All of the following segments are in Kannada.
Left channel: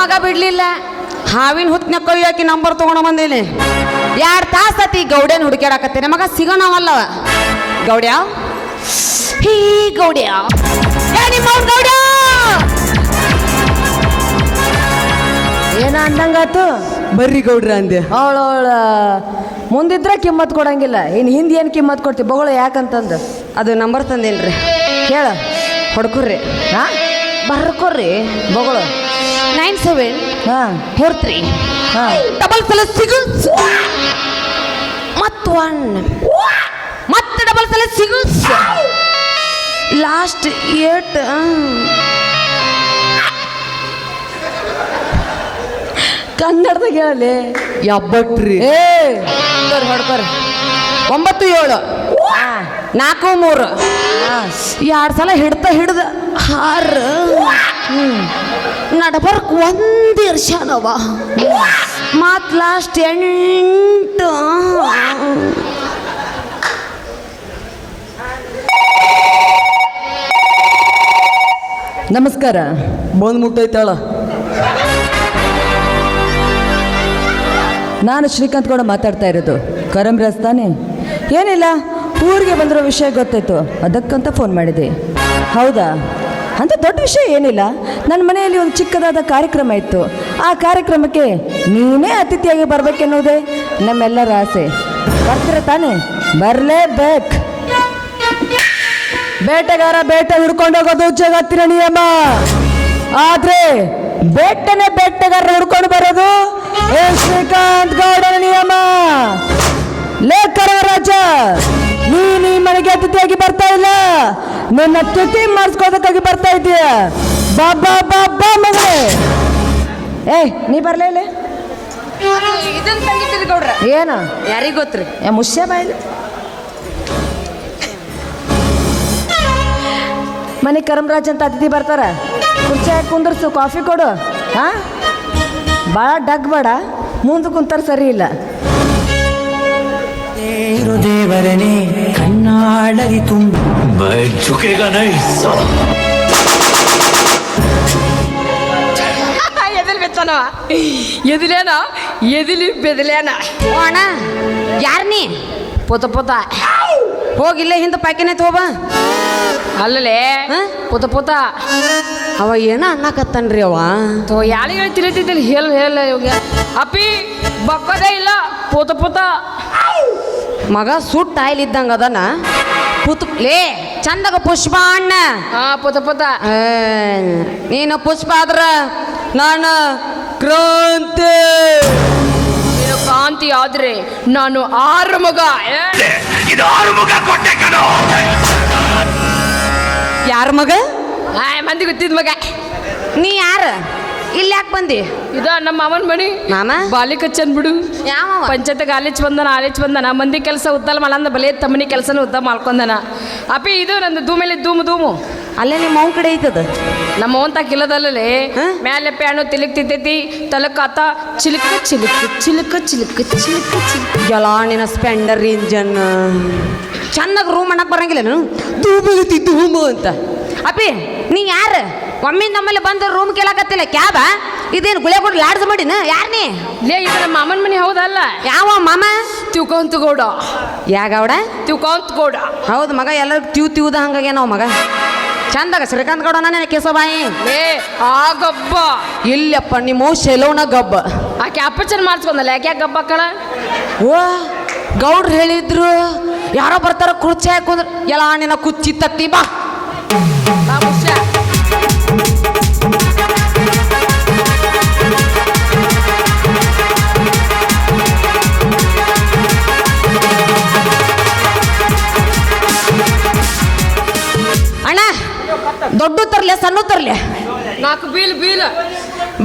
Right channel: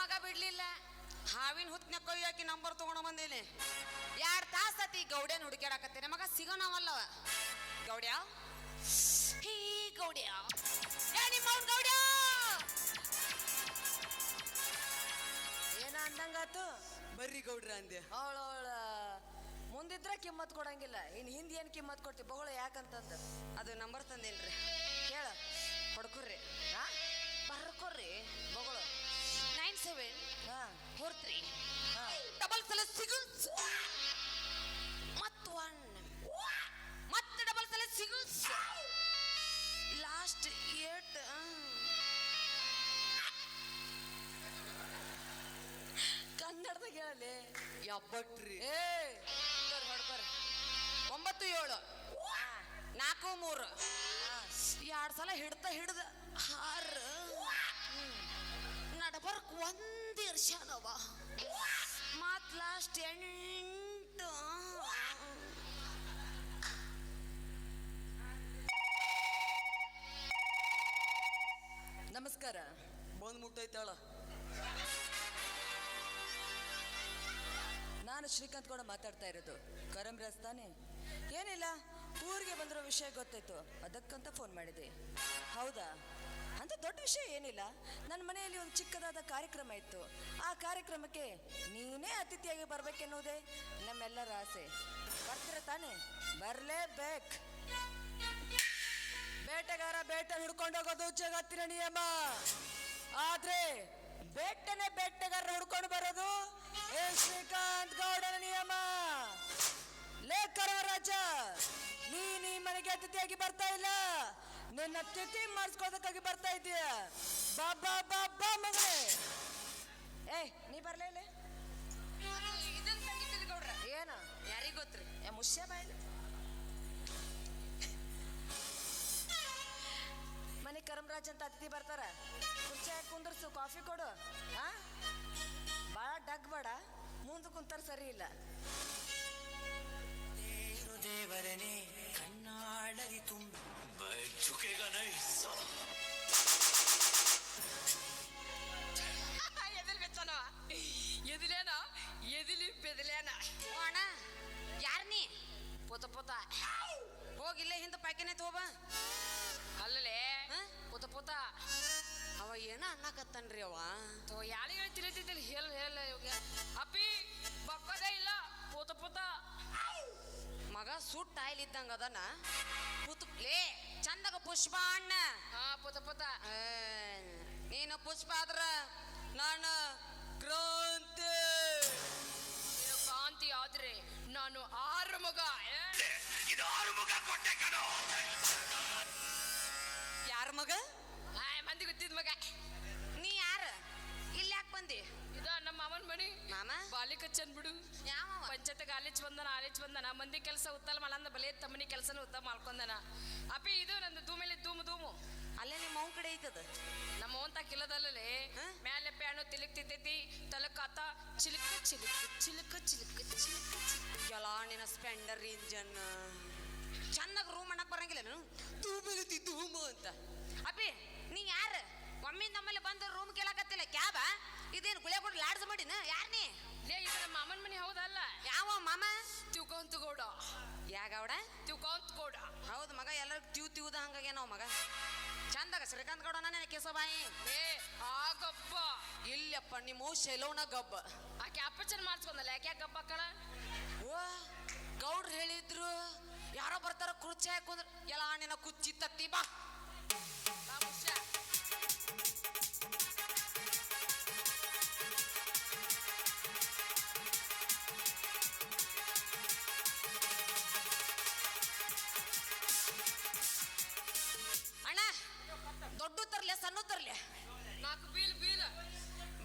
ಮಗ ಬಿಡ್ಲಿಲ್ಲ. ಹಾವಿನ ಹುತ್ನ ಕೊಯ್ಯಾಕಿ ನಂಬರ್ ತಗೊಂಡ ಬಂದೇನಿ. 2 ತಾಸತಿ ಗೌಡ್ಯನ ಹುಡುಕ್ಯಾಡಕತ್ತೇನೆ. ಮಗ ಸಿಗೋಣವಲ್ಲವ. ಗೌಡ್ಯ ಹೀ ಗೌಡ್ಯ ನಿಮ್ಮ ಗೌಡ್ಯ ಏನ ಅಂದಂಗಾತು? ಬರ್ರಿ ಗೌಡ್ರ ಅಂದೆ. ಅವಳ ಮುಂದಿದ್ರೆ ಕಿಮ್ಮತ್ ಕೊಡಂಗಿಲ್ಲ, ಇನ್ನು ಹಿಂದೆ ಏನು ಕಿಮ್ಮತ್ ಕೊಡ್ತೀವಿ ಬಗಳು ಯಾಕಂತಂದು. ಅದು ನಂಬರ್ ತಂದೇನ್ರಿ, ಕೇಳ ಹೊಡ್ಕೊರ್ರಿ. ಹಾ ಬರ್ಕೊರ್ರಿ ಬಗಳು 9743 ಹಾ ಡಬಲ್ ಸಲ ಸಿಗು ಮತ್ತು 1 ಮತ್ತೆ ಡಬಲ್ ಸಲ ಸಿಗು ಲಾಸ್ಟ್ 8 ಕನ್ನಡದಾಗ ಹೇಳಲಿ ಯಬ್ಬಟ್ರಿ. ಏ ಹೊಡ್ಕೊರಿ 97 43 2 ಸಲ ಹಿಡ್ದ 6 ನಡಬರ್ಕ್ 1 ಇರ್ಷಾನವ ಮತ್ ಲಾಸ್ಟ್ 8 ನಮಸ್ಕಾರ. ಬಂದ್ ಮುಟ್ಟೈತಾಳ. ನಾನು ಶ್ರೀಕಾಂತ್ ಕೂಡ ಮಾತಾಡ್ತಾ ಇರೋದು. ಕರಂರಾಜ್ ತಾನೆ? ಏನಿಲ್ಲ, ಊರಿಗೆ ಬಂದಿರೋ ವಿಷಯ ಗೊತ್ತಾಯ್ತು, ಅದಕ್ಕಂತ ಫೋನ್ ಮಾಡಿದೆ. ಹೌದಾ? ಅಂತ ದೊಡ್ಡ ವಿಷಯ ಏನಿಲ್ಲ. ನನ್ನ ಮನೆಯಲ್ಲಿ ಒಂದು ಚಿಕ್ಕದಾದ ಕಾರ್ಯಕ್ರಮ ಇತ್ತು. ಆ ಕಾರ್ಯಕ್ರಮಕ್ಕೆ ನೀನೇ ಅತಿಥಿಯಾಗಿ ಬರ್ಬೇಕೆನ್ನುವುದೇ ನಮ್ಮೆಲ್ಲರ ಆಸೆ. ಬರ್ತೀರ ತಾನೆ? ಬರಲೇಬೇಕು. ಬೇಟೆಗಾರ ಬೇಟೆ ಹುಡ್ಕೊಂಡು ಹೋಗೋದು ಜಗತ್ತಿನ ನಿಯಮ. ಆದ್ರೆ ಬೇಟೆಗಾರ ಹುಡ್ಕೊಂಡು ಬರೋದು ಶ್ರೀಕಾಂತ್ ಗೌಡನ ನಿಯಮ. ಲೇಖರ ರಾಜ, ನೀನು ಈ ಮನೆಗೆ ಅತಿಥಿಯಾಗಿ ಬರ್ತಾ ಇಲ್ಲ, ನನ್ನ ತುಟಿ ಮಾಡಿಸ್ಕೋದಕ್ಕಾಗಿ ಬರ್ತಾ ಇದೀಯ. ಬಾಬಾ ಬಾಬಾ ಮಗನೇ. ನೀ ಬರ್ಲೇ ಇಲ್ಲ? ಇದನ್ನ ತಂಗಿಟ್ಟಿರಿ ಗೌಡ್ರ. ಏನು ಯಾರಿಗ ಗೊತ್ತ್ರಿ? ಮುಷ್ಯ ಬಾಯಿಲಿ ಮನೆ ಕರಂರಾಜ್ ಅಂತ ಅತಿಥಿ ಬರ್ತಾರ. ಕುರ್ಚಿ ಹಾಕಿ ಕುಂದರ್ಸು, ಕಾಫಿ ಕೊಡು. ಹಾ ಭಾಳ ಡಗ್ ಬೇಡ, ಮುಂದೆ ಕುಂತಾರ ಸರಿ ಇಲ್ಲ. ದೇವರನೇ ಕಣ್ಣಾಳರಿ ತುಂಬ ಎದಿಲ್ ಬೆಚ್ಚನವ ಎದಿಲೇನ ಎದಿಲಿ ಬೆದಲೇನ. ಅಣ್ಣ ಯಾರ್ ನೀ? ಪುತ ಹೋಗಿಲ್ಲ ಹಿಂದೆ ಪಾಕಿನ ಹೋಗ. ಅಲ್ಲಲೇ ಪುತ ಅವ ಏನ ಅನ್ನಕತ್ತನ್ರಿ ಅವ. ಯಾರಿಗೆ ಹೇಳ್ತಿರತ್ತಿದ್ದಲ್ಲಿ ಹೇಳ ಇವಾಗ ಅಪ್ಪಿ ಬಕ್ಕದೇ ಇಲ್ಲ. ಪುತ ಮಗ ಸುಟ್ಟ ಆಯ್ಲ್ ಇದ್ದಂಗ ಅದನ ಲೇ ಚಂದಾಗ ಪುಷ್ಪ ಅಣ್ಣ. ಪುತ ನೀನು ಪುಷ್ಪ ಆದ್ರ ನಾನು ಕ್ರಾಂತಿ. ನೀನು ಕಾಂತಿ ಆದ್ರೆ ನಾನು 6 ಮಗ. ಯಾರ ಮಗ? ಮಂದಿ ಗೊತ್ತಿದ್ ಮಗ. ನೀ ಯಾರ? ಇಲ್ಲಿ ಯಾಕೆ ಬಂದಿ? ಇದ ನಮ್ಮ ಮಾಮನ ಮನಿ. ಮಾಮ ಬಾಲಿಕ ಚಂದ್ ಬಿಡು. ಯಾವ ಪಂಚಾಯತ್ಗೆ ಆಲೇಚ್ ಬಂದನ ಮಂದಿ ಕೆಲಸ ಉದ್ದಲ್ ಮಲಂದ ಬಲೆ ತಮ್ಮನಿ ಕೆಲಸನ ಉದ್ದ ಮಾಡ್ಕೊಂಡನ. ಅಪ್ಪಿ ಇದು ನಂದು ಧೂಮೇಲೆ ಧೂಮು ಅಲ್ಲೇ ನಿಮ್ಮ ಅವನ ಕಡೆ ಐತದ. ನಮ್ಮ ಅವನ್ ತಾಕಿಲ್ಲದಲ್ಲೇ ಮ್ಯಾಲೆ ಪ್ಯಾನು ತಿಲಕ್ತಿರ್ತೈತಿ, ತಲಕಾತ ಚಿಲಕ ಎಲ್ಲ ನಿನ್ನ ಸ್ಪೆಂಡರ್ ಇಂಜನ್ ಚೆನ್ನಾಗಿ ರೂಮ್ ಅನ್ನಕ್ ಬರಂಗಿಲ್ಲ. ಧೂಮು ಅಂತ. ಅಪ್ಪಿ ನೀ ಯಾರು? ಒಮ್ಮಿಂದ ನಮ್ಮಲ್ಲಿ ಬಂದು ರೂಮ್ ಕೇಳಕತ್ತಿಲ್ಲ ಕ್ಯಾಬ? ಇದೇನು ಗುಳೆ ಕೊಟ್ಟು ಲಾಡ್ಸ್ ಮಾಡಿನ? ಯಾರ ನೀ? ಲೇ ಇದು ನಮ್ಮ ಮಾಮನ ಮನೆ. ಹೌದಲ್ಲ? ಯಾವ ಮಾಮ? ತಿವ್ಕೊಂತ ಗೌಡ. ಯಾಗೌಡ? ತಿವ್ಕೊಂತ ಗೌಡ. ಹೌದು ಮಗ, ಎಲ್ಲರಿಗೂ ತಿವ್ದ ಹಂಗಾಗೆ ನಾವು ಮಗ. ಚಂದಾಗ ಶ್ರೀಕಾಂತ್ ಗೌಡ ನಾನೇ ಕೇಸಬಾಯಿ. ಆ ಗಬ್ಬ ಇಲ್ಲಪ್ಪ ನಿಮ್ಮ ಶೆಲೋಣ ಗಬ್ಬ. ಆಕೆ ಅಪ್ಪಚನ್ ಮಾಡಿಸ್ಕೊಂಡಲ್ಲ, ಯಾಕೆ ಗಬ್ಬ ಕಳ? ಓ ಗೌಡ್ರು ಹೇಳಿದ್ರು ಯಾರೋ ಬರ್ತಾರ ಕುರ್ಚಿ ಹಾಕೊಂಡ್ರು ಎಲ್ಲ ನಿನ್ನ ಕುಚ್ಚಿ ತತ್ತಿ ಬಾ. ಅಣ್ಣ ದೊಡ್ಡ ತರ್ಲೆ ಸಣ್ಣ ತರ್ಲೆ? 4 ಬೀಲ್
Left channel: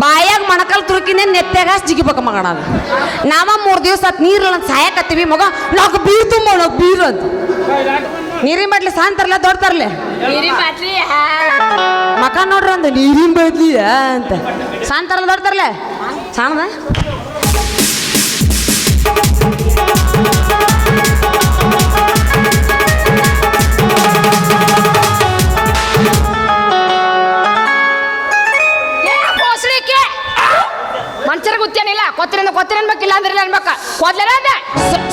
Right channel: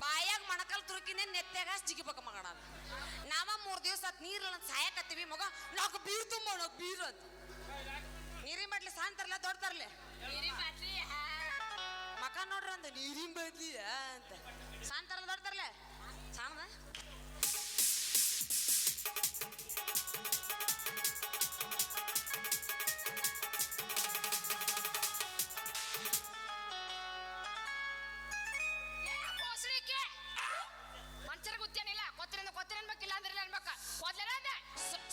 ಬಾಯಾಗ ಮಣಕಲ್ ತುರುಕಿನೇ ನೆತ್ತಾಗ ಜಿಗಿಬೇಕ ಮಗಣ. ನಾವ 3 ದಿವಸ ನೀರು ಸಾಯಕತ್ತೀವಿ ಮಗ. 4 ಬೀರ್ ತುಂಬ 4 ಬೀರು ಅಂತ. ನೀರಿನ ಬಾಟ್ಲಿ ಸಣ್ಣ ತರ್ಲೆ ದೊಡ್ಡ ತರ್ಲೆ? ಮಕ ನೋಡ್ರಿ ಒಂದು ನೀರಿನ ಬಾಟ್ಲಿ ಅಂತ. ಸಣ್ಣ ತರಲ್ಲ ದೊಡ್ಡ ತರ್ಲೆ? ಸಣ್ಣದ ಕೊತ್ತಿನ ಅನ್ಬೇಕಿಲ್ಲ ಅಂದ್ರೆ ಅನ್ಬೇಕ ಕೊದ್ಲೇನ ಅಂದೆ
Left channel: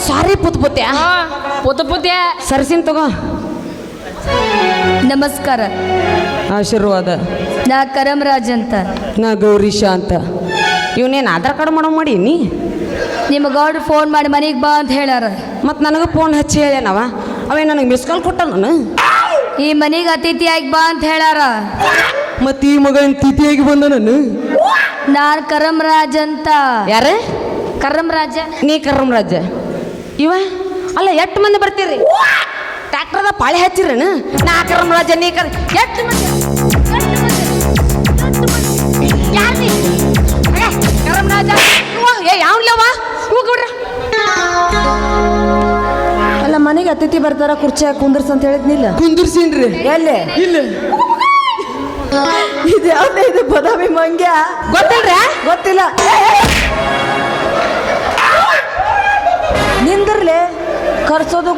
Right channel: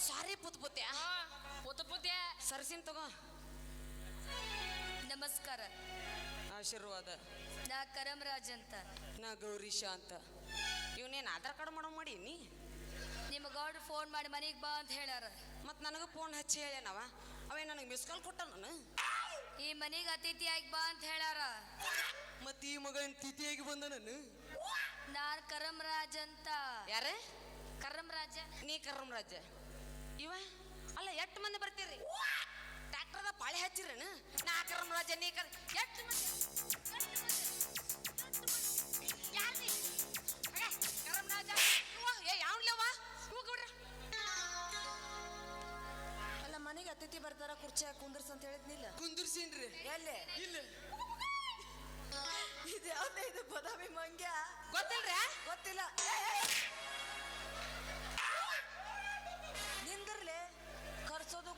ಸಾರಿ ಪುತ್ ಪುತ್ಯ ಪುತ್ತೆ ಸರ್ಸಿನ್ ತಗೋ. ನಮಸ್ಕಾರ, ಆಶೀರ್ವಾದ. ನಾ ಕರಮರಾಜ್ ಅಂತ. ನಾ ಗೌರೀಶ ಅಂತ. ಇವನೇನು ಆಧಾರ್ ಕಾರ್ಡ್ ಮಾಡೋ ಮಾಡೀನಿ. ನಿಮ್ಮ ಗೌಡ್ರು ಫೋನ್ ಮಾಡಿ ಮನೆಗೆ ಬಾ ಅಂತ ಹೇಳ್ಯಾರ. ಮತ್ತು ನನಗೆ ಫೋನ್ ಹಚ್ಚಿ ಹೇಳ್ಯಾನವ. ಅವೇ ನನಗೆ ಮಿಸ್ ಕಾಲ್ ಕೊಟ್ಟ ನಾನು. ಈ ಮನೆಗೆ ಅತಿಥಿಯಾಗಿ ಬಾ ಅಂತ ಹೇಳ್ಯಾರ. ಮತ್ತೆ ಈ ಮಗ ತಿಥಿಯಾಗಿ ಬಂದ ನಾನು. ನಾನು ಕರಮರಾಜ್ ಅಂತ. ಯಾರು? ಕರಮರಾಜ. ನೀ ಕರ್ಮರಾಜ. ಇವ ಅಲ್ಲ, ಎಷ್ಟು ಮಂದಿ ಬರ್ತೀರಿ? ಟ್ರ್ಯಾಕ್ಟರ್ದ ಪಾಳಿ ಹಚ್ಚಿರೇನು? ನಾ ಕರ್ಮರಾಜ, ನೀ ಎಷ್ಟು ಮಂದಿ? ಯಾರು ನೀ? ಕರ್ಮರಾಜ ಯಾವ್ಲವ ಇವ ಗೌಡ್ರ? ಅಲ್ಲ, ಮನೆಗೆ ಅತಿಥಿ ಬರ್ತಾರ, ಕುರ್ಚಿ ಕುಂದರ್ಸ್ ಅಂತ ಹೇಳಿದ್ನಿಲ್ಲ. ಕುಂದಿರ್ಸೀನ್ರಿ. ಎಲ್ಲಿ? ಇಲ್ಲ. ಇದು ಯಾವ್ದೇ ಇದು ಬದಾಮಿ ಮಂಗ್ಯ? ಗೊತ್ತಿಲ್ರ? ಗೊತ್ತಿಲ್ಲ. ನಿಂದ್ರಲೆ ಕರ್ಸೋದು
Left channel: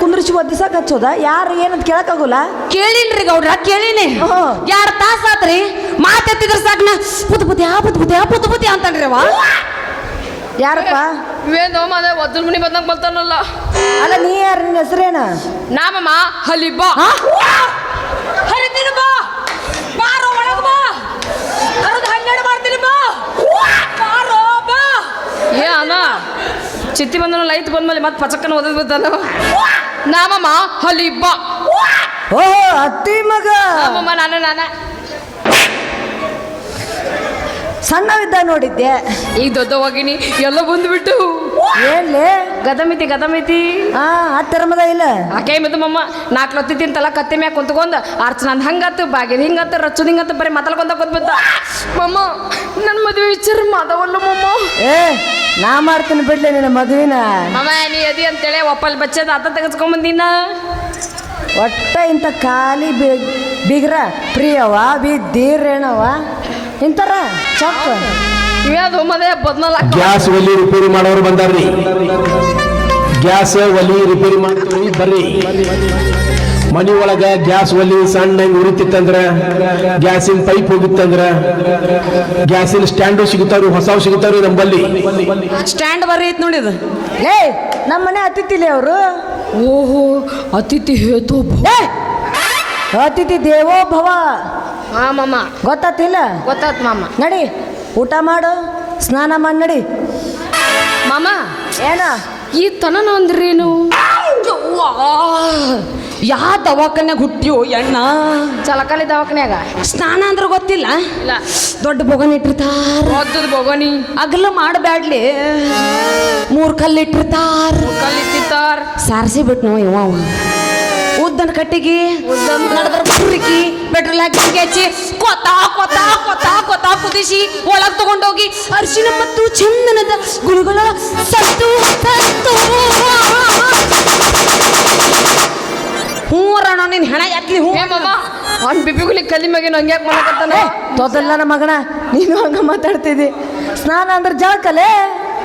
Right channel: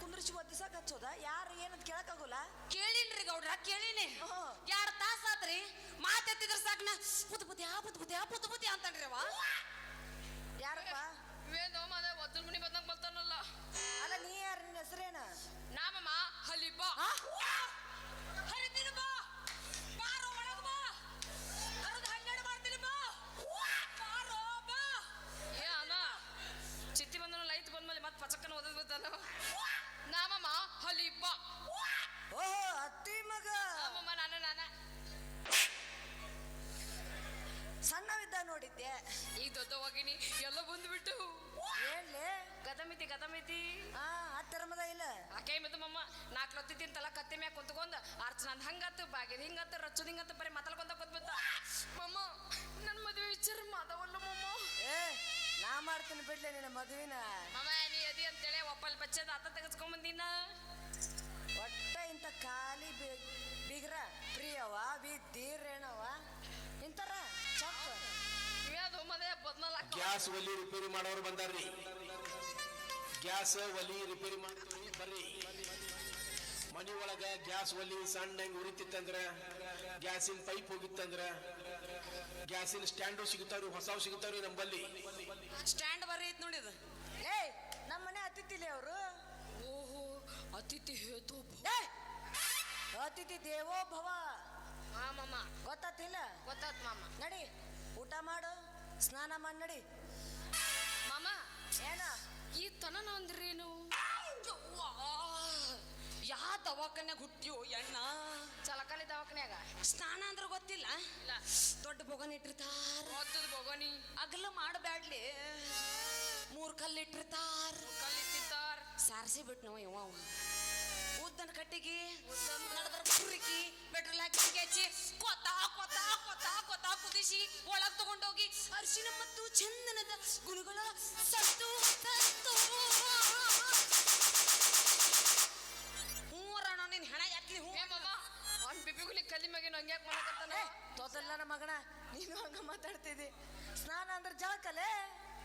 ಕುಂದ್ರಿಸಿ ಒದ್ದಿಸಕ್ ಹಚ್ಚೋದ? ಯಾರು ಏನಂತ ಕೇಳಕ್ಕಾಗೋಲ್ಲ. ಕೇಳಿನ್ರಿ ಗೌಡ್ರ, ಕೇಳಿನಿ. ಹ್ಮ್. 2 ತಾಸು ಆತ್ರಿ. ಮಾತೆತ್ತಿದ್ರ ಸಾಕ್ನ ಪುತ್ ಪುತ್ಯ ಅಂತನ್ರಿ ಅವ. ಯಾರಪ್ಪ? ಇವೇನು ಮನೆ ಒದ್ದಲ್ ಮನಿ ಬಂದಂಗ ಬರ್ತಾನಲ್ಲ. ಅಲ್ಲ, ನೀ ಯಾರು? ನಿನ್ನ ಹೆಸರೇನ? ನಾಮಮ್ಮ ಹಲಿಬಾ ಹರಿತೀನಿ ಬಾ, ಬಾರೋ ಒಳಗ್ ಬಾ. ಅರದು 12 ಮಾಡ್ತೀನಿ ಬಾ, ಬಾರೋ ಬಾ. ಏ ಅಣ್ಣ ಚಿತ್ತಿ ಬಂದನು ಲೈಟ್ ಬಂದ್ಮೇಲೆ ಮತ್ತೆ ಪಚಕ್ಕನ ಓದದ್ ಬಿದ್ದಾನ. ನಾಮಮ್ಮ ಹಲಿಬಾ. ಓಹೋ, ಅತ್ತಿ ಮಗ. ನಾಮಮ್ಮ ನಾನ ಸಣ್ಣವಿದ್ದ ನೋಡಿದ್ದೆ. ಈಗ ದೊಡ್ಡವಾಗಿನಿ ಎಲ್ಲ ಬಂದ್ಬಿಟ್ಟು. ಏನ್ಲೇ? ಗದಮಿತಿ ಹಾ, ಹತ್ತಿರಮದ ಇಲ್ಲ. ಆಕೆ ಮಿದು ಮಮ್ಮ 4 ಲತ್ತಿ ತಿಂತಲ್ಲ ಕತ್ತಿ ಮ್ಯಾಗ ಕುಂತ್ಕೊಂಡ್ ಅರ್ಚನಂದ್ ಹಂಗತ್ತು, ಬಾಗಿದ ಹಿಂಗತ್ತು, ರಚ್ಚುದ್ ಹಿಂಗತ್ತು, ಬರೀ ಮಾತಾಡ್ಕೊಂತ ಕೂತ್ಬಿದ್ದ. ಮಮ್ಮ ನನ್ನ ಮದುವೆ ವಿಚಾರ ಮಾತಾವಲ್ಲ ಮಮ್ಮ. ಏ, ನಾ ಮಾಡ್ತೀನಿ ಬಿಡ್ಲೆ ನಿನ್ನ ಮದುವಿನ. ಮಮ್ಮ ನೀ ಅದಿ ಅಂತೇಳಿ ಒಪ್ಪಲ್ ಬಚ್ಚದ ಆತ ತೆಗೆಸ್ಕೊಂಬಂದಿನ. ಒಟ್ಟ ಇಂಥ ಖಾಲಿ ಬಿಗ್ರ ಪ್ರಿಯವ ಬಿದ್ದೀರೇಣವ ಇಂತಾರ ಚಪ್ಪ. ಇವ್ಯಾವ್ದು ಮದೆ ಬದ್ನಲ್ಲ ಗ್ಯಾಸ್ ಒಲಿ ರಿಪೇರಿ ಮಾಡೋರು ಬಂದಾರ್ರಿ. ಗ್ಯಾಸ್ ಒಲಿ ರಿಪೇರಿ ಮಾಡ್ತೀವಿ ಬರ್ರಿ. ಮನಿ ಒಳಗ ಗ್ಯಾಸ್ ಒಲಿ ಸಣ್ಣ ಉರಿತಿತ್ತಂದ್ರ, ಗ್ಯಾಸಿನ ಪೈಪ್ ಹೋಗಿತ್ತಂದ್ರ, ಗ್ಯಾಸಿನ ಸ್ಟ್ಯಾಂಡು ಸಿಗುತ್ತಾವ್ರಿ, ಹೊಸವು ಸಿಗುತ್ತಾವ್ರಿ ನಂಬಲ್ಲಿ. ಸ್ಟ್ಯಾಂಡ್ ಬರ್ರಿ ಐತ್ ನೋಡಿ ಇದು. ಏ, ನಮ್ಮ ಮನೆ ಅತಿಥಿಲಿ ಅವರು. ಓಹೋ ಅತಿಥಿ ಹೇತು. ಅತಿಥಿ ದೇವೋ ಭವ. ಹಾ ಮಮ್ಮ ಗೊತ್ತಾತಿಲ್ಲ? ಗೊತ್ತಾತ್ ಮಾಮ. ನಡಿ, ಊಟ ಮಾಡು, ಸ್ನಾನ ಮಾಡಿ ನಡಿ. ಮಾಮ ಏನ ಈ ತನನ ಅಂದ್ರೇನು? ಯಾ ದವಾಖಾನ್ಯಾಗ ಹುಟ್ಟಿಯೋ ಎಣ್ಣ? ಚಲಕಲಿ ದವಾಖಾನ್ಯಾಗ. ಸ್ನಾನ ಅಂದ್ರೆ ಗೊತ್ತಿಲ್ಲ? ಇಲ್ಲ. ದೊಡ್ಡ ಬೊಗನ್ ಇಟ್ಟಿರ್ತಾರ, ಓದ್ದದ ಬೋಗನಿ ಅಗಲ ಮಾಡಬ್ಯಾಡ್ಲಿ. 3 ಕಲ್ಲು ಇಟ್ಟಿರ್ತಾರ, ಕಲ್ಲಿತ್ತಾರ್. ಸಾರಿಸಿ ಬಿಟ್ನೋ ಇವ. ಉದ್ದನ ಕಟ್ಟಿಗೆ ನಡೆದ್ರ ಬುರ್ರಿಕಿ ಪೆಟ್ರೋಲ್ ಹಾಕಿ ಹಚ್ಚಿ ಕೊತ್ತ ಕುದಿಸಿ ಒಳಗೆ ತಗೊಂಡೋಗಿ ಅರಿಶಿನ ಮತ್ತು ಚಂದನದ ಗುಳುಗಳ ಸತ್ತು ಹೂರಣ ನಿನ್ ಹೆಣ ಎತ್ಲಿ ಹೂ. ಏ ಮಾಮ ಅವ್ನ ಬಿಪಿಗುಲಿ ಕಲಿ ಮ್ಯಾಗೇನು ಹಂಗ್ಯಾಕೆ ಮಾಡಕತ್ತಾನ? ತೊದಲ್ಲ ನಮ್ಮ ಮಗನ, ನೀನು ಹಂಗ ಮಾತಾಡ್ತಿದ್ದಿ. ಸ್ನಾನ ಅಂದ್ರೆ ಜಳಕಲೆ.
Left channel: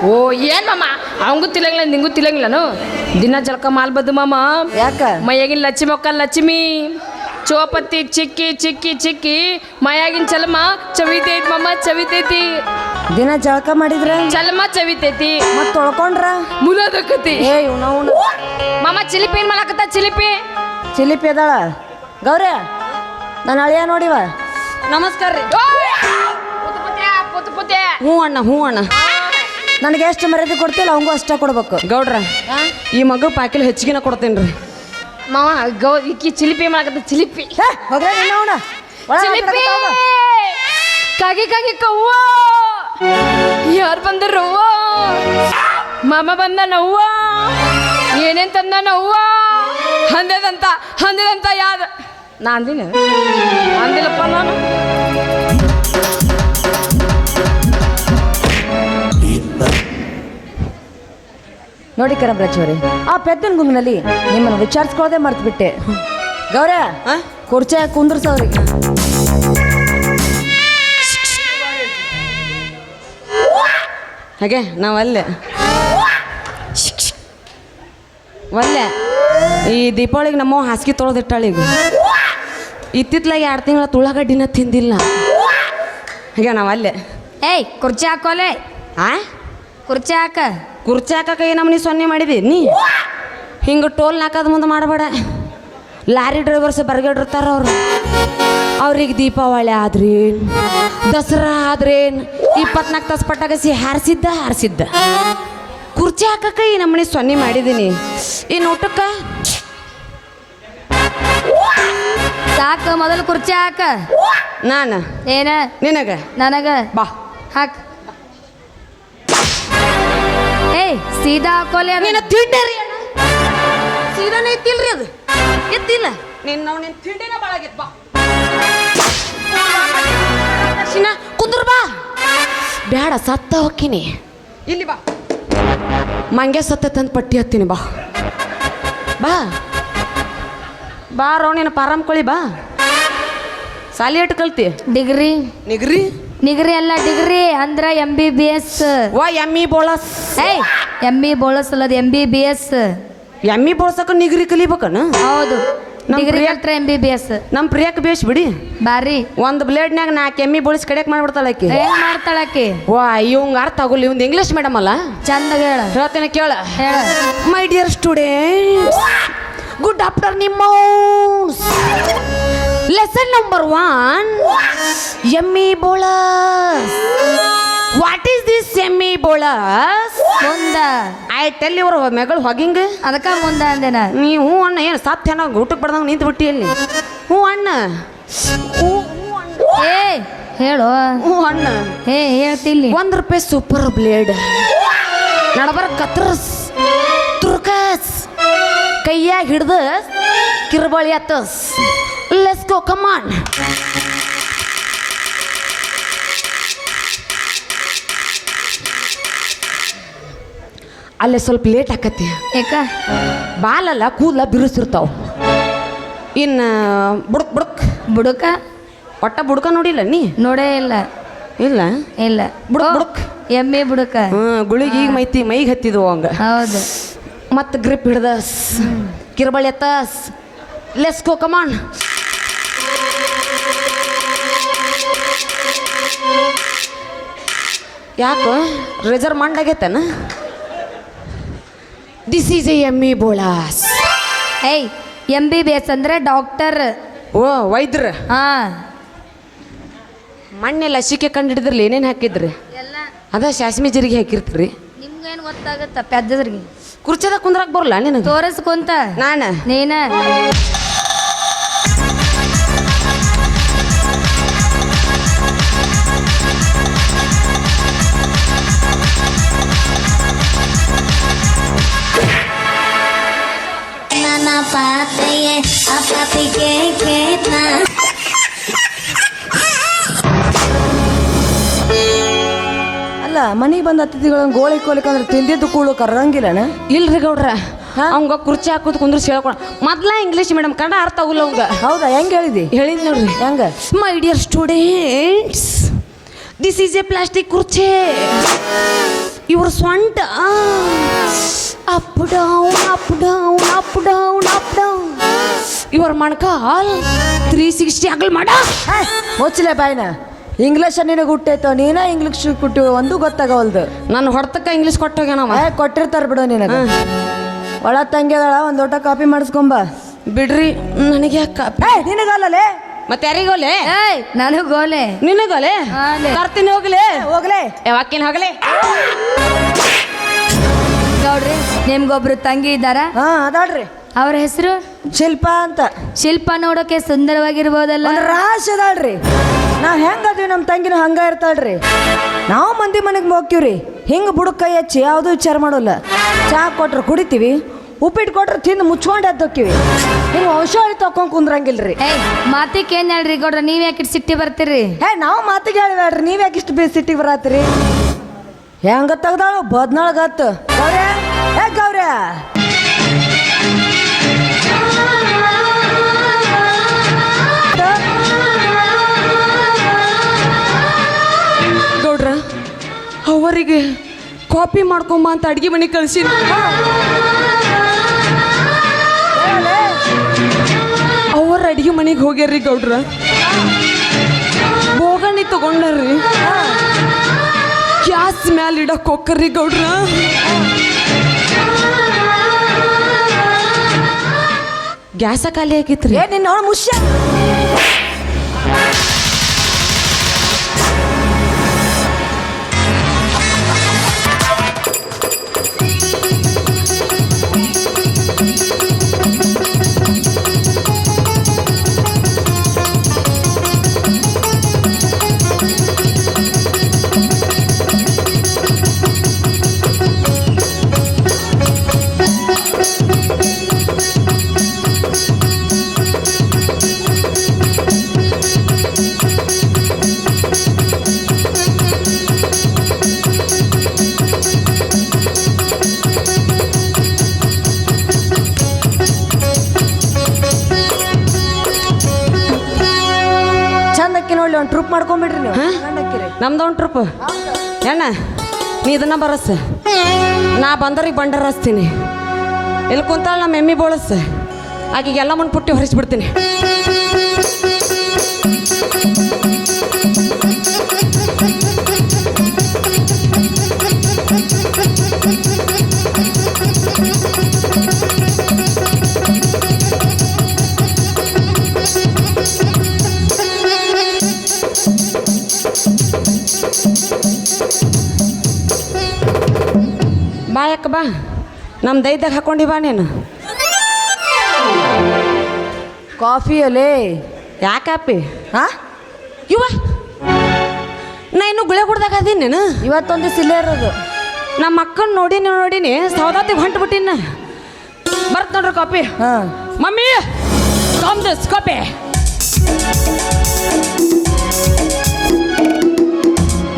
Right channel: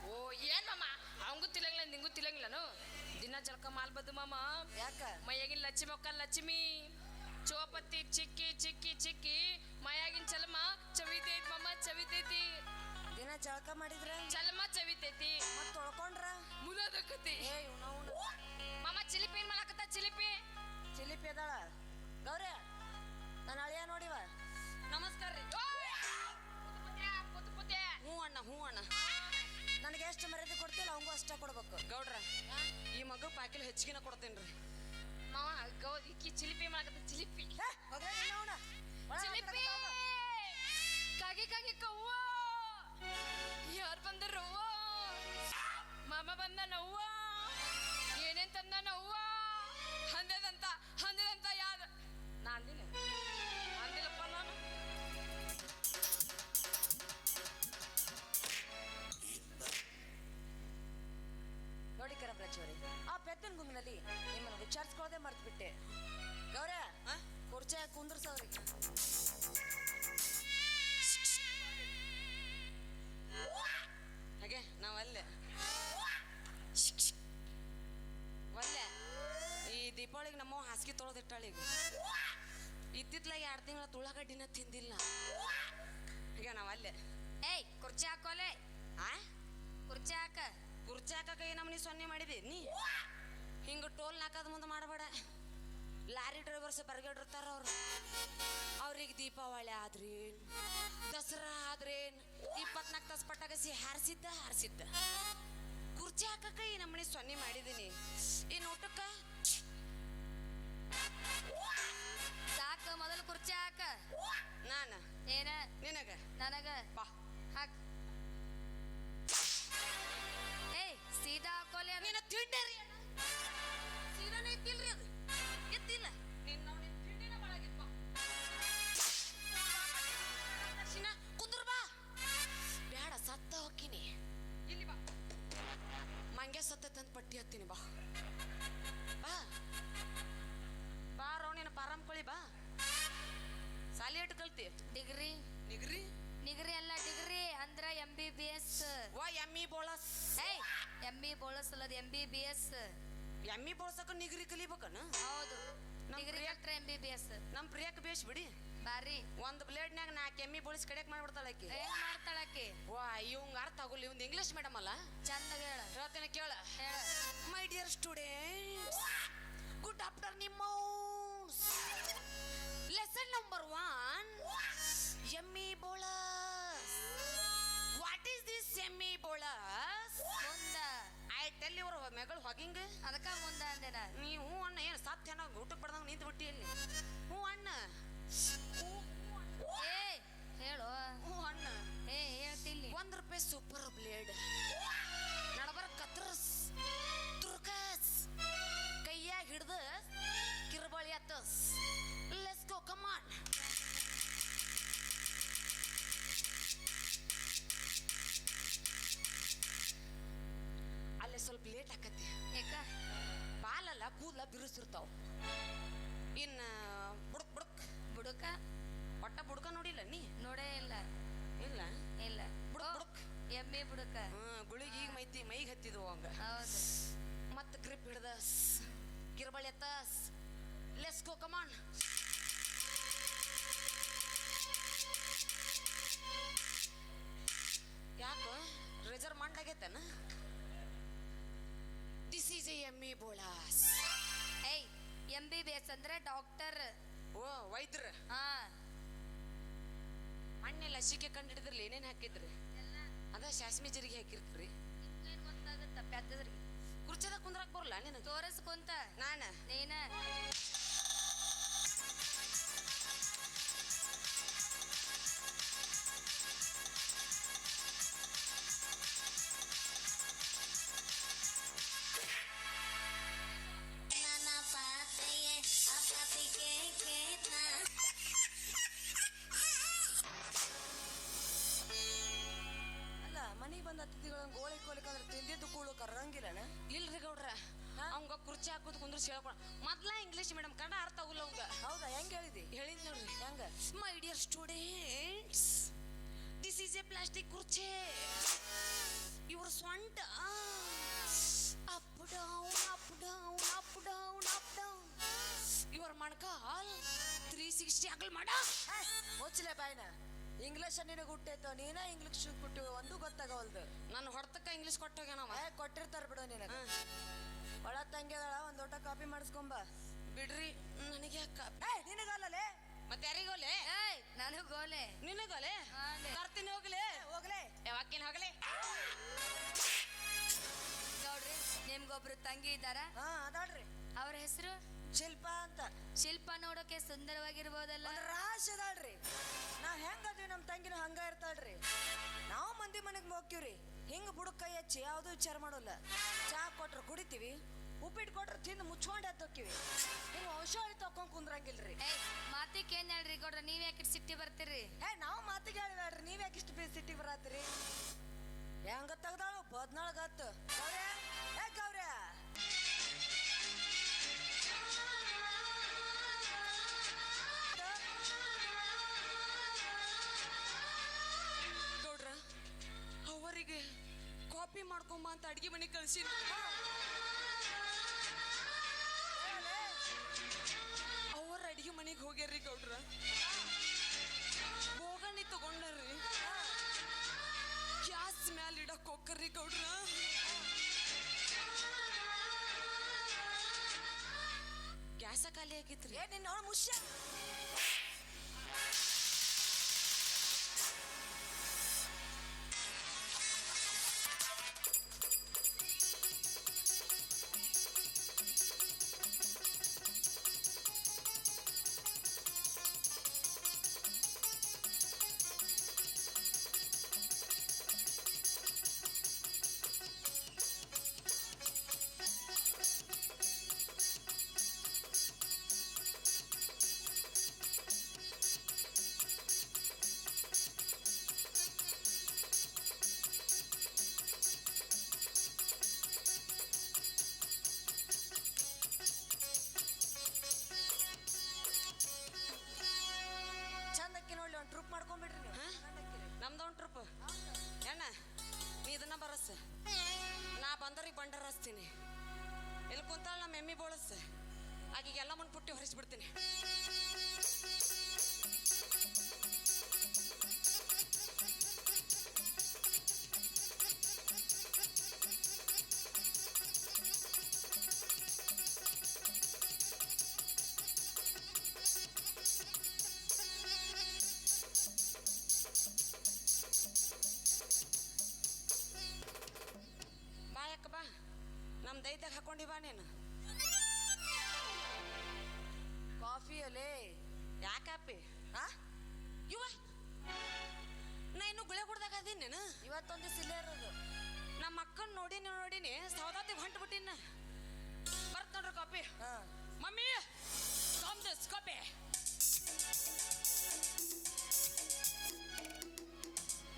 ಓ ಏನ್ ಮಾಮ ಅವಂಗೂ ತಿಳಂಗಿಲ್ಲ ನಿಂಗೂ ತಿಳಂಗಿಲ್ಲನು? ದಿನ ಜಳಕ ಮಾಲ್ಬದ್ದು ಮಾಮ. ಯಾಕ? ಮೈಯಾಗಿನ ಲಕ್ಷ್ಮಿ ಒಕ್ಕ ಲಕ್ಷ್ಮಿ ಚೋಪತ್ತಿ ಚಿಕ್ಕಿ ಚಿಕ್ಕಿ ಚಿಕ್ಕಿ ಮೈಯಾಗಿನ ಚಲಮ ಚವಿತೈತಿ ಮಾಮ, ಚವಿತೈತಿ. ದಿನ ಜಳಕ ಮಾಡಿದ್ರ ಚಲಮ ಚವಿತೈತಿ, ಮತ್ ತೊಳ್ಕೊಂಡ್ರ ಮುಲದಕ್ಕತಿ. ಏ ಇವ್ನವ್ನು ಮಾಮ ಚಿಲಿಪಿ ಏನ್ ಮಾಡಕತ್ತ? ಚಿಲಿಪಿ ಚಿಲಿಪಿ ಅದಾಳ. ಗೌರಿ, ನಾನು ಅಳಿಯ ನೋಡಿವ. ನಮಸ್ಕಾರ ರೀ. ಪುತ್ ಹ್ಞೂ ಅಣ್ಣ, ಹ್ಞೂ ಅಣ್ಣ. ನನಗೆ ಎಷ್ಟು ಮರ್ಯಾದೆ ಕೊಡ್ತಿಲ್ಲ ಅವಂಗೂ ಅಷ್ಟ ಕೊಡ್ಬೇಕು. ಗೌಡ್ರ, ಈ ಮಗ ಪಾಕಿಲ್ ಹೆಚ್ಚಿಗೆನ ಕೊಡ್ತೇನೆ ರೀ. ಮಾವ ಈಕಿ ಚಿಲಿಪಿ ಮಾಡಕತ್ತ. ಚಿಲಿಪಿ ಹೋಗ್ರ ನಿನ್ನವನ ಚಿಲಿಪಿ ಕಾಗಿ ಕಾಗಿ ಕವ್ವ. ಯಾರು ಬಂದರವ್ವ? ಮಾಮ ಬಂದ ನವ್ವ. ಏನೇನ್ ತಂದ ನವ್ವ? ಹಂದದಂತ ಯಾದ ನಾ ಅಂದಿನ? ಅಂದಿಲ್ಲಪ್ಪ ನಾನು. ನೋಡಿ ಕರಮರಾಜ್ ಅವರೇ, ಆ ಪೆದ್ದನ ಗುಂಗಿನಲ್ಲಿ ನಿಮ್ಮನ್ನು ವಿಚಾರಿಸ್ಕೊಳ್ಳೋದೇ ಮರ್ತು ಬಿಟ್ಟೆ. ಗೌರ, ಕುರ್ಚೆ ಕುಂದ್ರಸವ್ರಿಗೆ. ಹಾಗೆ ನಾವಲ್ಲೇ ಒಲ್ಲೆ ಈ ದೀಪಾವಳಿಗೆ ನಮ್ಮ ಹಾಸಿಗೆ ತೊಳೆದಿಟ್ಟಾಳೆ. ಈಗ ಇತ್ತಿತ್ಲಾಗ 2 ತಿಂಗಳ ತುಳ್ಳಾಗಡ್ಡಿನ ತಿಂದಿಲ್ಲ. ಹಾಗೆ ನಾವಲ್ಲೇ. ಏಯ್ ಕುರ್ಚಿ ಹಾಕೋಲೆ. ಆ ಕುರ್ಚಿ ಹಾಕ ಕುರ್ಚಿ ಹಾಕಕ್ಕೆ ನಮ್ಮನಿ ಸೊನ್ನೆ ಮಾಡಿದಿ ನೀ ಹಿಂಗೆ ಟೋಲ್ ನಾಕದ ಮುಂದೆ ಮಾಡಬೇಡ. ಲಾರಿ ಡ್ರೈವರ್ಸ್ ಬರ್ಗಡಿರ್ತಾರ ಅವ್ರು. ಅವ್ರಿಗೆ ದೀಪಾವಳಿ ಆದ್ರೇನು, ದಸರಾ ಆದ್ರೇನು 24 ತಾಸು ಪಟಾಕಸಿ ಹಾರಿಸಿದ್ದ. ಕುರ್ಚಿ ಹಾಕಕ್ಕೆ ಈ ನಮ್ಮನಿ ಸೊನ್ನೆ ಮಾಡಿದ್ದೀನಿ. ಇನ್ನು ಊಟಕ್ಕೆ ಸಾಕ, ಮೊದಲು ಕುರ್ಚಿ ಹಾಕ. ನಾನು ಏನ ನಿನಗ ನನಗ ಬಾ ಹಾಕ. ಏಯ್ ಸೀದಾ ಹಾಕೋಲೆ ಅದು. ನೀನು ತಿಂಡರಿ ಸೀದಾನೇ ಎತ್ತಿಲ್ರಿ ಅದು ಎತ್ತಿಲ್ಲ ನಿನ್ನ ತಿಂಡಿನ ಬಾಳಾಗಿತ್ತು. ಬಾ ಕುಂದ್ರ ಬಾ. ಬೇಡ ಸತ್ತ ಹೋಗ್ತೀನಿ. ಇಲ್ಲಿ ಬಾ, ಮಂಗೆ ಸತ್ತ ತಂದು ಪಟ್ಟಿ ಹತ್ತೀನಿ. ಬಾ ಬಾ ಬಾ ರೋಣಿನ ಪಾರಮ್ಕೊಳ್ಳಿ. ಬಾ ಸಾಲಿ ಎಟ್ಟು ಕಲ್ತಿ? ಡಿಗ್ರಿ ನಿಗ್ರಿ ನಿಗ್ರಿ ಅಲ್ಲ ಡಿಗ್ರಿ ಅಂದ್ರ MBBS. ವಾ ಎಮ್ಮಿ ಬೋಳಸ್. ಏಯ್ ME ಬೋಳಸ್ ಅಲ್ಲದ MBBS. ಎಮ್ಮಿ ಬೋಳ್ಸಕ ನಿಗ್ರಿ ಕಲಿಬೇಕನ? ಹೌದು, ನಮ್ ಡಿಗ್ರಿ ಪ್ರಿಯ- ಕಲ್ತ್ರ MBBS. ನಮ್ಮ ಪ್ರಿಯಕ್ಕೆ ಬೇಸ್ ಬಿಡಿ. ಬಾರಿ ಒಂದು ಬ್ಲೇಡ್ನ್ಯಾಗ 4 ಎಮ್ಮಿ ಬೋಳಿಸಿ ಕಡೆಕ್ ಮಾಡ್ಬಿಡ್ತಾಳ ಆಕಿ. ಹೆಂಗ್ ಮಾಡ್ತಾಳಕಿ? ವಾ ಇವಂಗ ಅರ್ಥ ಆಗೋಲ್ಲ. ಇವಂದು ಇಂಗ್ಲೀಷ್ ಮೇಡಮ್ ಅಲ್ಲ. ಚಂದ ಹೇಳ ಹೇಳ್ತೇನೆ ಕೇಳ. ಹೇಳ. My dear students, good after ನಿಮ್ಮೌಸ್. ಲೆಸನ್ ನಂಬರ್ 1, ಎಮ್ಮಿ ಬೋಳಸ್. ವಾಟ್ ಈಸ್ ದಿಸ್ ಎಮ್ಮಿ ಬೋಳಸ್? ಮುಂದ ಐ ಟೆಲ್ ಯುವರ್ ಮೆಗಳು ಹೊಗಿಂಗ್. ಅದಕ್ಕ ಮುಂದ ಅಂದೇನ. ನೀವು ಅಣ್ಣ ಏನು ಸಾಧ್ಯನ ಊಟಕ್ಕೆ ಬಡ್ದಂಗೆ ನಿಂತು ಬಿಟ್ಟಿ ಅಲ್ಲಿ. ಹ್ಞೂ ಅಣ್ಣ, ಹ್ಞೂ ಅಣ್ಣ, ಏ ಹೇಳು. ಹ್ಞೂ ಅಣ್ಣ. ಹೇಳ್ತಿಲ್ಲಿ. ₹1 ಸೂಪರ್ ಬ್ಲೇಡ್ ನಡಬರ್ ಕತ್ರಸ್ ತುರ್ಕಸ್ ಕೈಯಾಗ ಹಿಡ್ದ ಕಿರ್ಬಳಿ ಅತ್ತಸ್. Let's go, come on. ಅಲ್ಲೇ ಸ್ವಲ್ಪ ಲೇಟ್ ಆಕತಿ. ಏಕ ಬಾಲಲ್ಲ ಕೂದಲ ಬಿರುಸಿರ್ತಾವ. ಇನ್ನು ಬುಡಕ್ ಬುಡಕ ಒಟ್ಟ ಬುಡ್ಕ ನೋಡಿಲ್ಲ ನೀ? ನೋಡೇ ಇಲ್ಲ. ಇಲ್ಲ ಇಲ್ಲ ಬುಡಕ್ ಓ, ಬುಡಕ್ ಎಮ್ಮೆ ಬುಡಕ. ಗುಳಿಗೆ ಈಗ ಮೈಗೆ ಹತ್ತಿದ್ವು ಹಂಗ. ಹೌದು. ಮತ್ತು ಗ್ರಿಪ್ ಹಿಡ್ದಸ್ ಕಿರ್ಬಳಿ ಎತ್ತಸ್. Let's go, come on. ಯಾಕೋ ರಿಸರ್ವ್ ಮಾಡಾಗೈತನ? ದಿಸ್ ಈಸ್ ಎ ಎಮ್ಮಿ ಬೋಳಾಸ್. ಏಯ್ MBBS ಅಂದ್ರೆ ಡಾಕ್ಟರ್. ಓ ವೈದ್ಯರ. ಹಾ ಮಣ್ಣೆ ಲಸಿಕೆ ಕಂಡು ಹಿಡಿದ್ರಲ್ಲ ಏನೇನು ಹಾಕಿದ್ರಿ? ಅದ ಸಾಸ್ಮಿ ಜೀರಿಗೆ ಹಾಕಿರ್ತೀರಿ. ನಿಮ್ಗೇನು ಗೊತ್ತಾಗತ್ತ ಪೆದ್ದದ್ರಿಗೆ? ಕುರ್ಚದಾಗ ಕುಂದ್ರಾಕ್ ಬರಲ್ಲ ನಿನಗೆ? ತೋರಿಸ್ಕೊಂತ ನಾನು ನೀನ ಅಲ್ಲ ಮನೆಗೆ ಬಂದ ಅತಿಥಿಗಳನ್ನ ಗೋಳಿ ಕೋಲಿಕಂದ್ರೆ ತಿಂದಿದ್ದು ಕೂಳು ಕರಂಗಿಲ್ಲನ? ಇಲ್ರಿ ಗೌಡ್ರ, ಅವಂಗ ಕುರ್ಚಿ ಹಾಕೋದು ಕುಂದ್ರಿಸಿ ಹೇಳ್ಕೊಳ. ಮೊದ್ಲ ಇಂಗ್ಲೀಷ್ ಮೇಡಮ್ ಕನ್ನಡ ಅರ್ಥ ಆಗುಲ್ಲ ಅವಂಗ. ಹೌದಾ? ಹೆಂಗೆ ಹೇಳಿದಿ? ಹೇಳಿದ್ ನೋಡ್ರಿ. ಹೆಂಗ? My dear students, this is a plastic ಕುರ್ಚಿ. ಇವ್ರ ಸ್ವಂಟ up down up down up down up down. ಇವ್ರ ಮಣ್ಕಾಲ್ 360 ಅಗಲ್ ಮಾಡ. ಮುಚ್ಚಲೆ ಬಾಯ್ನ. ಇಂಗ್ಲೀಷ್ ನಿನಗೆ ಹುಟ್ಟೈತೋ, ನೀನ ಇಂಗ್ಲೀಷ್ ಕೊಟ್ಟು ಒಂದು ಗೊತ್ತಾಗವಲ್ದು. ನನ್ನ ಹೊಡ್ತಕ್ಕ ಇಂಗ್ಲೀಷ್ ಕೊಟ್ಟೋಗ್ಯಾನವ. ಕೊಟ್ಟಿರ್ತಾರ ಬಿಡು ನಿನಗೆ. ಒಳ ತಂಗಿದಾಳ, ಒಂದು ಊಟ ಕಾಪಿ ಮಾಡಿಸ್ಕೊಂಬ. ಬಿಡ್ರಿ ನನಗೆ ಯಾಕ ನಿನಗಲ್ಲೇ ಮತ್ತೆ ಯಾರಿಗೋಲೆ? ಏಯ್ ನನಗೆ ಗೋಲೆ. ನಿನಗೋಲೆ ಹಾಲೆ. ತರ್ತೀನಿ ಹೋಗ್ಲೆ. ಹೋಗ್ಲೇ ಯಾವಾಕಿನ ಹೋಗ್ಲೆ. ಗೌಡ್ರಿ ನಿಮ್ಗೊಬ್ರು ತಂಗಿ ಇದ್ದಾರ? ಹಾ ಅದಾಳ್ರಿ. ಅವ್ರ ಹೆಸರು ಶಿಲ್ಪ ಅಂತ. ಶಿಲ್ಪ ನೋಡೋಕೆ ಸುಂದರವಾಗಿರ್ಬೋದಲ್ಲ? ಒಂದು ರಾಶಿ ಅದಾಳ್ರಿ. ನಾವು ಹೆಂಗದ್ವಿ ನಮ್ಮ ತಂಗಿನ ಹಂಗ ಇರ್ತಾಳ್ರಿ. ನಾವು ಮಂದಿ ಮನೆಗೆ ಹೋಗ್ತೀವ್ರಿ, ಹಿಂಗೆ ಬುಡಕ್ ಕೈ ಹಚ್ಚಿ ಯಾವುದೂ ವಿಚಾರ ಮಾಡೋಲ್ಲ. ಚಹಾ ಕೊಟ್ರೆ ಕುಡಿತೀವಿ, ಉಪ್ಪಿಟ್ಟು ಕೊಟ್ರೆ ತಿಂದು ಮುಚ್ಕೊಂಡು ಎದ್ದೋಕ್ಕಿವಿ. ಹಿಂಗೆ ಔಷಧಿ ತಕೊಂಡ್ ಕುಂದ್ರಂಗಿಲ್ರಿ. ಏಯ್ ಮಾತಿಗೆ ಏನ್ ಹೇಳ್ರಿ ಗೌಡ್ರ, ನೀವ್ ಯಾಕೆ ಸಿಟ್ಟಿ ಬರ್ತೀರಿ? ನಾವು ಮಾತಿಗೆ ಹೇಳಿದ್ರಿ, ನೀವು ಯಾಕೆ ಇಷ್ಟು ಸಿಟ್ಟಿಗೆ ಬರತ್ತೀರಿ? ಹೆಂಗ ತೆಗ್ದಾಳು ಬದ್ನಾಳ್ಗತ್ತು. ಗೌರ್ಯ ಗೌರ್ಯ ಗೌಡ್ರ, ಅವರಿಗೆ ಕಾಪಿ ಮಾಡ್ಕೊಂಬ ಅಂತ ಅಡ್ಗೆ ಮನೆ ಕಳ್ಸಿ. ಅವ್ರ ಅಡ್ಗೆ ಮನೆಗೆ ಹೋಗ್ಯಾರ್ರಿ ಗೌಡ್ರ. ಬೋಗಣಿ ತಗೊಂಡ್ರಿ, ಗ್ಯಾಸ್ ಮ್ಯಾಲ ಮ್ಯಾಲ ಇಡಕ್ ಹೋಗ್ಕರ್ರಿ ಗೌಡ್ರ. ಗ್ಯಾಸ ಖಾಲಿ ಆಗಿತ್ರಿ. ಏ ನಿನ್ನ ಅವಳು ಮುಷ್ಯ. ಚಂದಕ್ಕೆ ನೋಡಿ ಒಂದು ಟ್ರಿಪ್ ಮಾಡ್ಕೊಂಬಿಡ್ರಿ ನೀವು. ನಮ್ದು ಒಂದು ಟ್ರಿಪ್ ಎಣ್ಣ ನೀ ಇದನ್ನ ಬರಸ್, ನಾ ಬಂದವ್ರಿಗೆ ಬಂಡಾರ ಹಚ್ತೀನಿ. ಇಲ್ಲಿ ಕುಂತಾಳ ನಮ್ಮ ಎಮ್ಮಿ ಬೋಳಸ್, ಆಕೆಗೆ ಎಲ್ಲ ಮುಂದೆ ಪುಟ್ಟಿ ಹೊರಿಸ್ಬಿಡ್ತೀನಿ. ಬಾ ಯಾಕ ಬಾ, ನಮ್ಮ ದೈದಾಗ ಹಾಕೊಂಡಿ ಬಾ ನೀನು. ಕಾಫಿಯಲ್ಲೇ ಯಾಕಪ್ಪಿ ಹಾ ಇವ ನಾ ಇನ್ನು ಗುಳೆ ಕುಡ್ದಾಗ ಅದೀನಿ ನೀನು. ಇವತ್ತೊಂದು ಸಿಲ್ಲೇ ಇರೋದು. ನಮ್ಮ ಅಕ್ಕನ ನೋಡಿನಿ ಸೌದಾತಿಗೆ ಹೊಂಟು ಬಿಟ್ಟಿನ. ಬರ್ತ್ ನೋಡ್ರಿ ಕಾಪಿ. ಹಾ ಮಮ್ಮಿ ಕಮ್ ದಿಸ್ ಕಾಪಿ.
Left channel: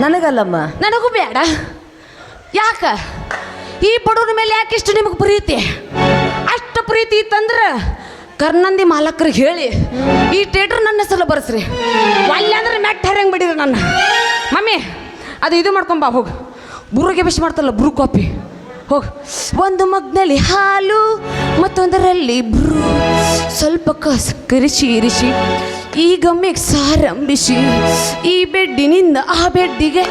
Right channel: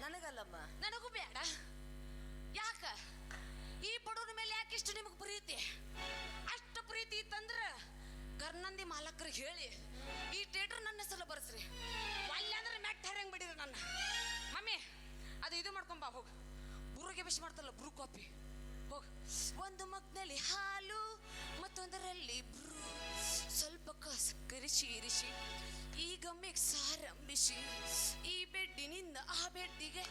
ನನಗಲ್ಲಮ್ಮ. ನನಗೂ ಬೇಡ. ಯಾಕ ಈ ಬಡವ್ರ ಮೇಲೆ ಯಾಕೆ ಇಷ್ಟು ನಿಮಗೆ ಪ್ರೀತಿ? ಅಷ್ಟು ಪ್ರೀತಿ ಇತ್ತಂದ್ರೆ ಕರ್ನಂದಿ ಮಾಲಕರಿಗೆ ಹೇಳಿ ಈ ಥಿಯೇಟ್ರ್ ನನ್ನ ಹೆಸರು ಬರ್ಸ್ರಿ. ಅಲ್ಲಿ ಅಂದ್ರೆ ಮೆಟ್ಟ ಹರಂಗೆ ಬಿಡಿರಿ ನನ್ನ. ಮಮ್ಮಿ ಅದು ಇದು ಮಾಡ್ಕೊಂಬ ಹೋಗು. ಬುರುಗೆ ಬಿಸಿ ಮಾಡ್ತಲ್ಲ ಬ್ರೂ ಕಾಪಿ ಹೋಗು. ಒಂದು ಮಗ್ನಲ್ಲಿ ಹಾಲು ಮತ್ತೊಂದರಲ್ಲಿ ಬ್ರೂ, ಸ್ವಲ್ಪ ಕರಿಸಿ ಇರಿಸಿ ಈಗ ಮಿಕ್ಸ್ ಆರಂಭಿಸಿ ಈ ಬೆಡ್ಡಿನಿಂದ ಆ ಬೆಡ್ಡಿಗೆ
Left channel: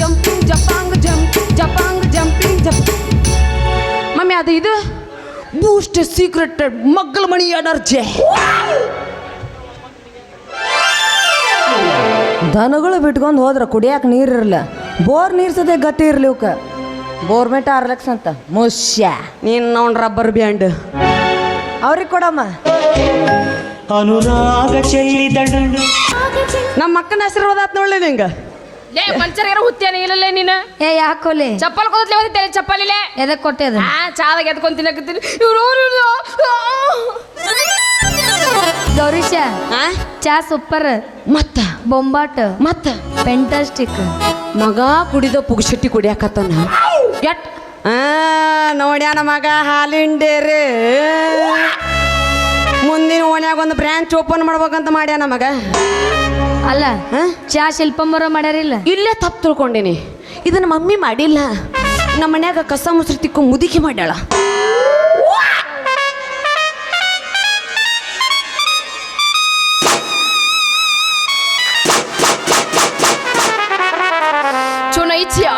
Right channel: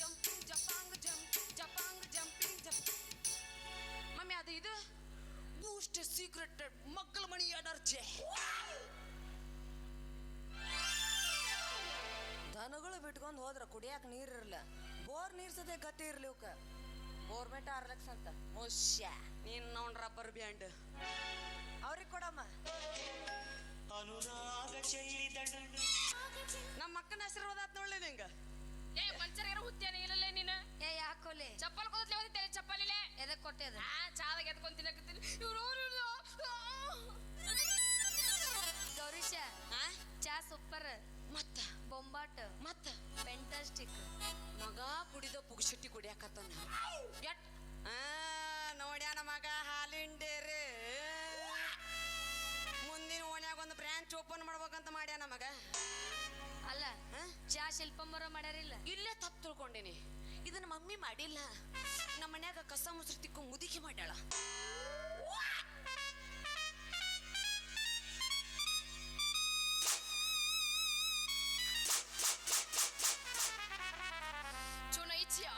ಜಂಪಿಂಗ್ ಜಪಾಂಗ್ ಜಂಪಿಂಗ್ ಜಪಾಂಗ್ ಜಂಪಿಂಗ್ ಜಪ್. ಮಮ್ಮಿ ಅದು ಇದು ಬೂಸ್ಟ್ ಸೀಕ್ರೆಟೆಡ್ ಮಗ್ಗಲ ಮಣಿ ಎನರ್ಜಿ. ದನಗಳು ಬಿಟ್ಕೊಂಡು ಹೋದ್ರ ಕುಡಿಯಾಕ ನೀರಿರಲ್ಲ. ಬೋರ್ ನೀರು ಸದೇ ಗತಿ ಇರ್ಲಿ ಇವಕ್ಕ. ಬೋರ್ಮೆಟ್ 6 ಲಕ್ಷ ಅಂತ ಮುಷ್ಯ. ನೀನು ನೋಡ್ ರಬ್ಬರ್ ಬ್ಯಾಂಡ್ ಅವ್ರಿಗೆ ಕೊಡಮ್ಮ. ಅನುರಾಗ ಚೆಲ್ಲಿದಳು ನಮ್ಮ ಅಕ್ಕನ ಆಶೀರ್ವಾದ ಆತ್ ನೋಡ್ಲಿ ನಿಂಗೆ. ಲೇ ಮಂಚರ್ಗಾರ ಹುತ್ತೇನೆ ಇಲ್ಲಲೇ ನೀನು. ಏ ಯಾಕೋಲೆ ಚಪ್ಪಲ್ ಕೊಡ್ತಲೇ ಓದಿತ್ತೇನೆ ಚಪ್ಪಲಿಲೆ. ಎದಕ್ಕೆ ಕೊಟ್ಟೆ ಅದು? ಚಾದಾಗ ಎದ್ಕೊಂಡು ತಿನ್ನಕತ್ತೀನಿ. ಇವ್ರು ಗೌರೀಶ ಆ? ಚಾ ಸೂಪರ್, ಮತ್ತ ಬೊಂಬಾಟ್, ಮತ್ತ ಫೆಂಟಾಸ್ಟಿಕ್. ಮಗ ಕುಡಿದ ಪುಗ್ಶೆಟ್ಟಿ ಕುಡಿಯಾಕತ್ತಾನ. ಎಟ್ ನೋಡ್ಯಾನ ಮಗ ಹಾಲಿಂಡೇರಿ. ಮುಂದಿನ ಓಣ್ಯಾಗ ಒಂದು ಬ್ರಾಂಚ್ ಓಪನ್ ಮಾಡ್ಬೇಕಂತ ಮಾಡ್ಯಾನ ಮಗ. ಅಲ್ಲ ಚಾ ಶಿಲ್ಪಮ್ಮರ ಮಾಡ್ಯಾರಿಲ್ಲ. ಇಲ್ಲೇ ತಪ್ಪು ತಿಳ್ಕೊಂಡಿನಿ. ಇದನ್ನ ಮಮ್ಮಿ ಮಾಡಿಲ್ಲ, ನಮ್ಮ ಮನ್ಯಾಗ ಕಸ ಮುಸ್ರಿ ತಿಕ್ಕು ಮುದುಕಿ ಮಾಡ್ಯಾಳ. ಚುನ ಐತಿಯಾ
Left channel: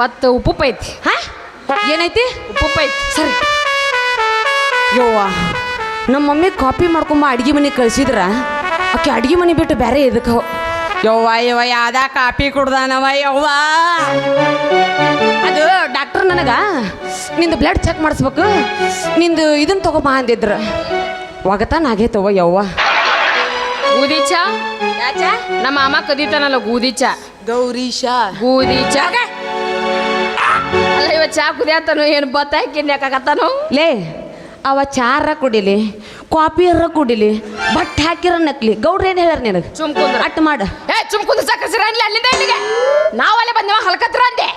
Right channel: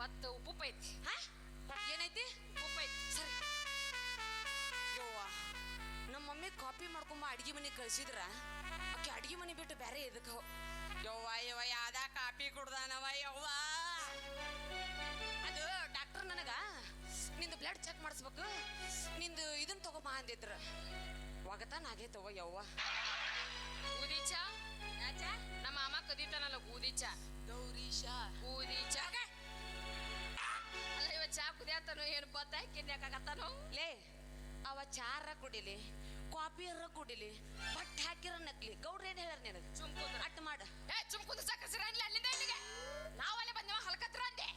ಬತ್ ಉಪ್ಪು ಐತಿ. ಹಾ ಏನೈತಿ? ಉಪ್ಪು ಐತಿ. ಸರಿ ಯವ್ವ, ನಮ್ಮ ಮಮ್ಮಿ ಕಾಪಿ ಮಾಡ್ಕೊಂಬ ಅಡ್ಗೆ ಮನೆ ಕಳ್ಸಿದ್ರ ಆಕೆ ಅಡ್ಗೆ ಮನೆ ಬಿಟ್ಟು ಬೇರೆ ಇದಕ್ಕೆ ಯವ್ವ ಯಾವ್ದ ಕಾಪಿ ಕುಡ್ದಾನವ ಯವ್ವ. ಅದು ಡಾಕ್ಟರ್ ನನಗ ನಿಂದು ಬ್ಲಡ್ ಚೆಕ್ ಮಾಡಿಸ್ಬೇಕು, ನಿಂದು ಇದನ್ನ ತಗೋಬಾ ಅಂದಿದ್ರ. ಒಗತಾನ ಆಗೈತವ ಯವ್ವ. ಗೋಧಿ ಚಾ ನಮ್ಮ ಮಾಮ ಕದೀತಾನಲ್ಲ ಗೋಧಿ ಚಾ. ಗೌರೀಶ ಗೋಧಿ ಚಾ ಅಲ್ಲ ಇವ ಚಾ ಕುದಿಯತ್ತಾನು ಏನು ಬತ್ತ ಹಾಕಿ ಯಾಕಾಗತ್ತಾನು. ಲೇ ಅವ ಚಾರ ಕುಡಿಲಿ ಕಾಪಿಯರ ಕುಡಿಲಿ ಬಟ್ ಹಾಕಿರ ನಕ್ಲಿ ಗೌಡ್ರ ಏನು ಹೇಳ್ಯಾರ ನಿನಗೆ? ಚುಮ್ಕುಂದ್ರ ಅಟ್ ಮಾಡ. ಚುಮ್ಕುಂದ್ರ ಸಾಕಸಿರ ಅನ್ಲಿ ಅಲ್ಲಿಂದ ಇಲ್ಲಿಗೆ ನಾವಲ್ಲೇ ಬಂದೇವ ಹಲ್ಕತ್ರ ಅಂದೆ.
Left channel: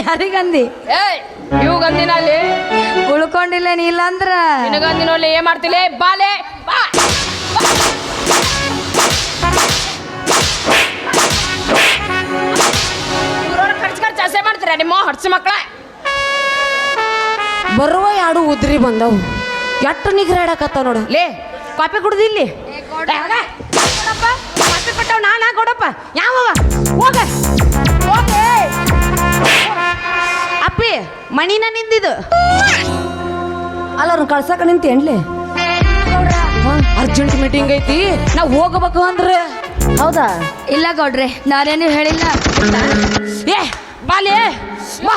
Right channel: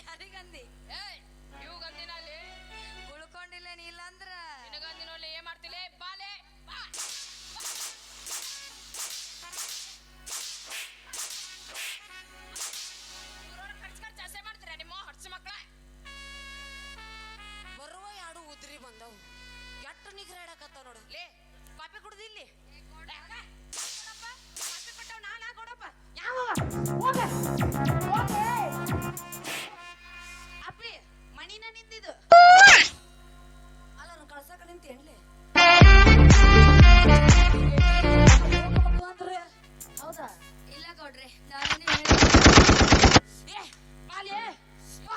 ಯಾರಿಗಂದಿ? ಇವಾಗಂದಿನ ಅಲ್ಲಿ ಉಳ್ಕೊಂಡಿಲ್ಲ ನೀ ಇಲ್ಲ ಅಂದ್ರ ನಿನಗಂದಿನ ಅಲ್ಲಿ ಏನ್ ಮಾಡ್ತಿಲ್ಲ ಬಾಲೆ ಬಾ. ಖರ್ಚು ಹಸೆ ಮಾಡ್ತೀರ ನಿಮ್ಮ ಹಡ್ಸಿ ಮಕ್ಕಳ. ಬರುವ ಎರಡು ಉದ್ರಿ ಬಂದವು ಎಟ್ಟು ನಿಗ್ರಾಡಕತ್ತಾವ ನೋಡು. ಲೇ ಕಾಪಿ ಕುಡ್ದಿಲ್ಲಿ ಕಾಪಿ ಕೊಟ್ಟವ್ ನಾನಾ ಕೊಡಪ್ಪ. ಯಾವ ಹೋಗ ಅಪ್ಪಿ ಮಣಿನ ನಿಂದಿದು ಅಲ್ಲ ಅವ್ರನ್ನ ಕಳ್ಸಕ್ಕೆ ನಿಂತೇನ್ಲಿ? ಅರ್ಜೆಂಟ್ ಮೀಟಿಂಗ್ ಐತಿ ನಾವು ಹೋಗಬೇಕು ಅಂದ್ರೆ. ಹೌದಾ? ಇಲ್ಲ ಗೌಡ್ರೆ ನಾನೇನು ಹೇಳಿಲ್ಲ. ಏ ಬಾಲೆ ಬಾ